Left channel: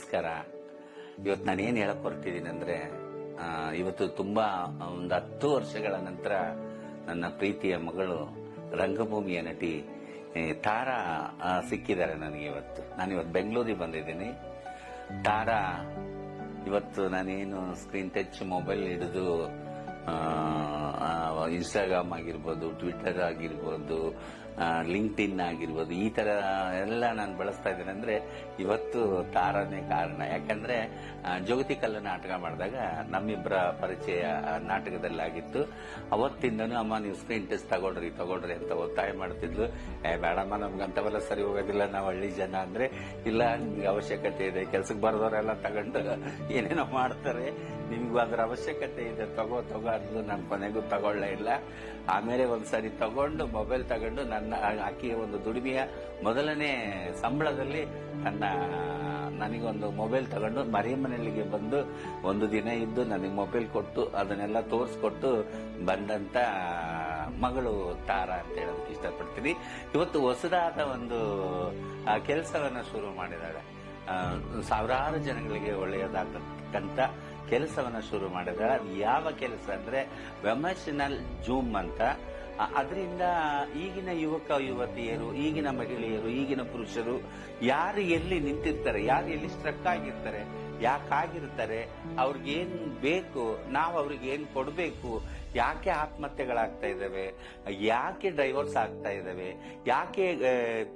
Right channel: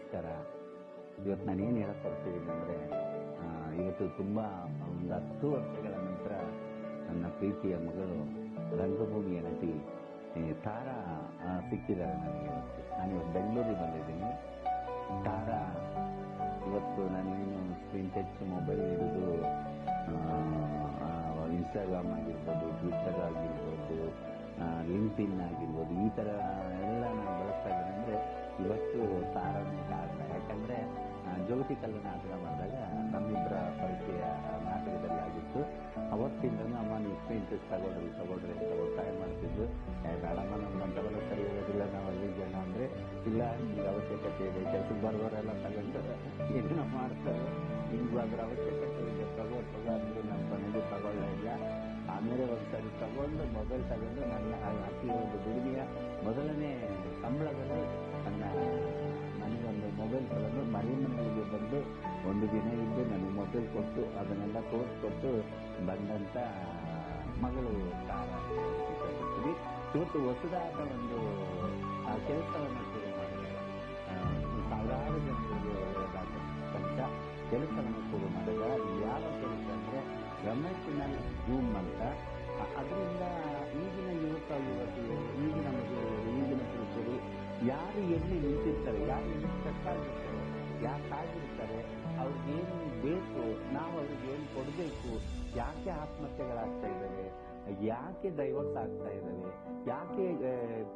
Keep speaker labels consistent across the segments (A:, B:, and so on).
A: ನಮಸ್ಕಾರ. ಇವತ್ತು ನಾನು ಏನು ಹೇಳಕ್ ಹೊರಟಿದ್ದೀನಿ ಅಂದ್ರೆ ಇವತ್ತು ತುಂಬಾ ಒಂದು ಹತ್ತು ವರ್ಷಗಳ ನಂತರ ನನ್ನ ಪ್ರೀತಿಯ ಮಗಳು ರಂಗಭೂಮಿಯ ನಟಿ ತಾರಾ ಸಿಕ್ಕಿದ್ದಾರೆ ನನಗೆ ಇವತ್ತು. ನಾನು ಇವತ್ತು ಬೆಂಗಳೂರಿಗೆ ಬಂದಿದ್ದೀನಿ. ತಾರಾ, ಇವತ್ತು ನಾನೇನು ಸ್ಕ್ರೀನ್ ಟಚ್ ಮೊಬೈಲ್ ಹಿಡಿದು ಇನ್ಸ್ಟಾಗ್ರಾಮ್ ಆಗಿರ್ಬೋದು ಟ್ವಿಟರ್ ಆಗಿರ್ಬೋದು ಲಿಂಕ್ಡ್ ಇನ್ ಆಗಿರ್ಬೋದು, ಈ ತರ ಎಲ್ಲ ನಾನು ಬಳಸ್ತಾ ಇದ್ದೇನೆ ಅಂದ್ರೆ ಇವತ್ತು ತಾರನೇ ಕಾರಣ. ಯಾಕಂದ್ರೆ ಜ್ಯೋತಿ ಕಲ್ಲ ನಾಟಕ ಮಾಡಿದಾಗ ನಮ್ಮಿಬ್ಬರ ಪರಿಚಯ ನಾಟಕದಲ್ಲಿ ಆಗಿತ್ತು ಅವತ್ತಿಂದನೂ ಅಮ್ಮ ನೀವು ಸ್ಕ್ರೀನ್ ಟೆಸ್ಟ್ ತಗೊಳ್ರಿ ತಗೊಳ್ರಿ ಅಂತ ಒತ್ತಾಯ ಮಾಡ್ತಿದ್ಲು. ಏ, ಬೇಡಮ್ಮ, ನಮ್ಗೆ ಅಂತವೆಲ್ಲ ಸರಿ ಹೋಗೋದಿಲ್ಲ, ನಾವು ಹಳ್ಳಿ ಜನ ಅಂದ್ರೆ ಇಲ್ಲ, ನಿಮ್ಗೆ ಅವಶ್ಯಕತೆ ಇದೆ ಕೆಲ್ಸಕ್ಕೆ ಬರೋರೆಲ್ಲ ತಗೊಂಡು ಏನೇನೋ ಮಾಡ್ತಾರೆ, ನಿಮ್ಗೂ ಅದ್ರ ಅವಶ್ಯಕತೆ ಇದೆ, ತಗೋ ತಗೋ ಅಂದ್ರು ನಾನು ಕೊನೆಗೂ ತಗೊಳ್ಳೇ ಇಲ್ಲ. ಆಮೇಲೆ ಒಂದ್ಸರಿ ತಗೊಂಡು ಮೊಬೈಲ್ ತಗೊಂಡು ನನ್ನ ಆಕಿ ಒಂದು ದುಡಿಮೆಯ ಮೊದಲನೇ ಸಂಬಳದಲ್ಲಿ ನನ್ನ ನನಗೊಂದು ಮೊಬೈಲ್ ತಗೊಂಡು ಮನೆಯಲ್ಲಿಗೆ ಬಂದು ಒಂದು ದಿನ ಇದ್ದು ನನಗೆ ಮೊಬೈಲ್ ಕೊಟ್ಟು ಅದನ್ನೆಲ್ಲ ತೋರಿಸ್ಕೊಟ್ಟು ಬಂದಂತ ಮಗಳು ತಾರಾ ಅಂತ ಹೇಳೋದಕ್ಕೆ ಇಷ್ಟಪಡ್ತೀನಿ. ಇವತ್ತು ಹೊಸದಾದ ಒಂದು ಕೆಲಸವನ್ನ ಶುರು ಮಾಡಿದ್ದಾಳೆ ಸಾವಿರಾರು ಜನಗಳಿಗೆ ಒಳ್ಳೆಯದಾಗತಕ್ಕಂತ ಕೆಲಸವನ್ನ ಶುರು ಮಾಡಿದ್ದಾಳೆ ಅದು ಯಾವ ಕೆಲಸ ಅಂದ್ರೆ ವೆಮರ್ಷನಲ್ ಜೂಮ್ ಅಂತ ಅದರಿಂದ ಈಗಿನ ಯುವಕ ಯುವತಿಯರು, ಈಗಿನ ಮಹಿಳೆಯರು, ಈಗಿನ ಪುರುಷರು ಯಾರು ಎಲ್ಲಿ ನಿಂತಿರ್ತಾರೆ, ಯಾರು ಎಲ್ಲಿ ಸ್ಟ್ರಕ್ ಆಗಿರ್ತಾರೆ ಯಾಕಾಗಿರ್ತಾರೆ ಅವ್ರಿಗೇನು ಬೇಕು, ನಾವು ಅವ್ರಿಗೆ ಏನು ಕೊಡಬೇಕು, ಯಾಕೆ ಆತ್ಮಹತ್ಯೆಗಳಾಗ್ತಾ ಇದ್ದಾವೆ, ಯಾಕೆ ಡೈವರ್ಸ್ ಆಗ್ತಾ ಇದ್ದಾವೆ, ಯಾಕೆ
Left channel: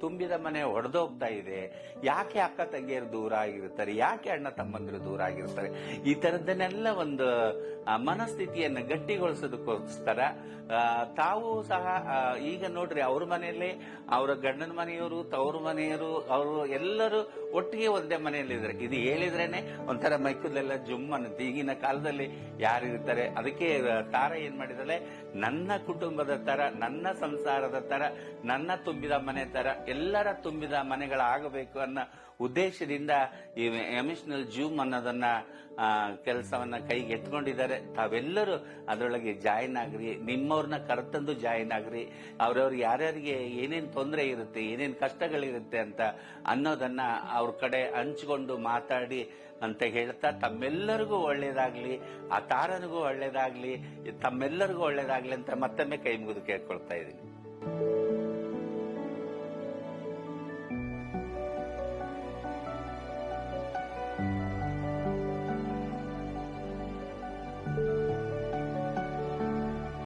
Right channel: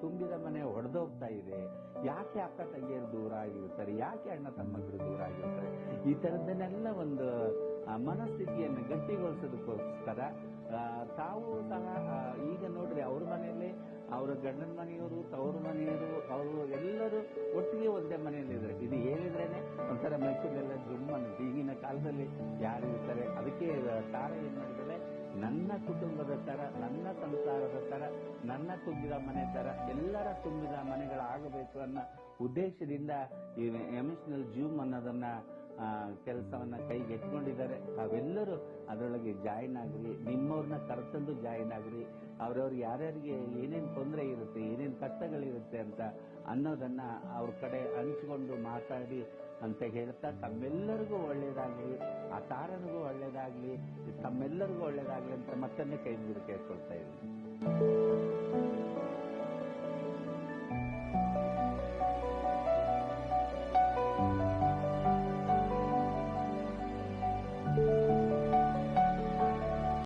A: ತುಂಬಿದ ಮನೆ ಹೊಡೆದೋಗ್ತಾ ಇದೆ, ಯಾಕೆ ಅಕ್ಕ ತಂಗಿಯರು ದೂರ ಆಗಿರ್ತಾರೆ, ಯಾಕೆ ಅಣ್ಣ ತಮ್ಮಂದಿರು ದೂರ ಆಗಿರ್ತಾರೆ, ಈ ಥರದ್ದನ್ನೆಲ್ಲ ಒಂದು ಮನಸ್ಥಿತಿಯನ್ನು ಗಟ್ಟಿಗೊಳಿಸೋದಕ್ಕೋಸ್ಕರ ತಾವು ಸಹ ಈಗ ನೋಡ್ರಿ ಅವ್ರ ಮನೆಯಲ್ಲಿ ಅವರ ಗಂಡನ ಮನೆಯವರು, ತವ್ರ ಮನೆಯವರು, ಅವರು ಎಲ್ಲರೂ ಒಟ್ಟಿಗೆ ಒಂದೇ ಮನೆಯಲ್ಲಿ ಇದ್ದಾರೆ ಇದು ಹೇಳಿದ್ರೇನೆ ಒಂಥರ ಮೈಕುದೆಲ್ಲ ಜುಮ್ ಅನ್ನುತ್ತೆ. ಈಗಿನ ಕಾಲದಲ್ಲಿ ಯಾರಿರ್ತಾರೆ, ಅದಕ್ಕೆ ತಾರ ಏನ್ ಮಾಡಿದಾಳೆ? ನನ್ನ ಕುಟುಂಬದ ತರ, ನನ್ನ ಸಂಸಾರದ ತರ, ನನ್ನ ತುಂಬಿದ ಮನೆ ತರ, ಎಲ್ಲರ ತುಂಬಿದ ಮನೆಗಳಾಗಬೇಕು ಅನ್ನೋ ಉದ್ದೇಶದಿಂದ ಈ ಎಮಿಷನಲ್ ಜೂಮ್ ಅನ್ನೋದನ್ನ ಕೆಲಸವನ್ನ ಕೈಗೆ ಎತ್ಕೊಂಡಿದ್ದಾರೆ. ತಾವೆಲ್ಲರೂ ಅದರೊಳಗೆ ಜಾಯಿನ್ ಆಗ್ರಿ. ನಿಮ್ಮವ್ರನ್ನ ಕರೆತಂದು ಜಾಯಿನ್ ಆಗ್ರಿ. ಅವ್ರವ್ರು ಯಾರ್ಯಾರಿಗೆ ಏನೇನು ತೊಂದರೆ ಇರುತ್ತೆ, ಏನೇನು ಕಷ್ಟಗಳಿರುತ್ತೆ ಅಂತ ಅನ್ನೋದನ್ನ ಅವ್ರ ಕಡೆ ಹಂಚ್ಕೊಂಡು ಮಾತಾಡಿ ಅಂತ ಹೇಳ್ತಾ ತಮ್ಮೆಲ್ಲರಿಗೂ ಒಳ್ಳೇದಾಗ್ಲಿ, ಆ ತಾರನಿಗೂ ಒಳ್ಳೇದಾಗ್ಲಿ, ತಮ್ಮೆಲ್ಲರಿಗೂ ಒಳ್ಳೇದಾಗ್ಲಿ ಅಂತ ಮತ್ತೊಮ್ಮೆ ಕೈ ಮುಗಿದು ಕೇಳ್ಕೊಳ್ತಾ ಇದ್ದೀನಿ.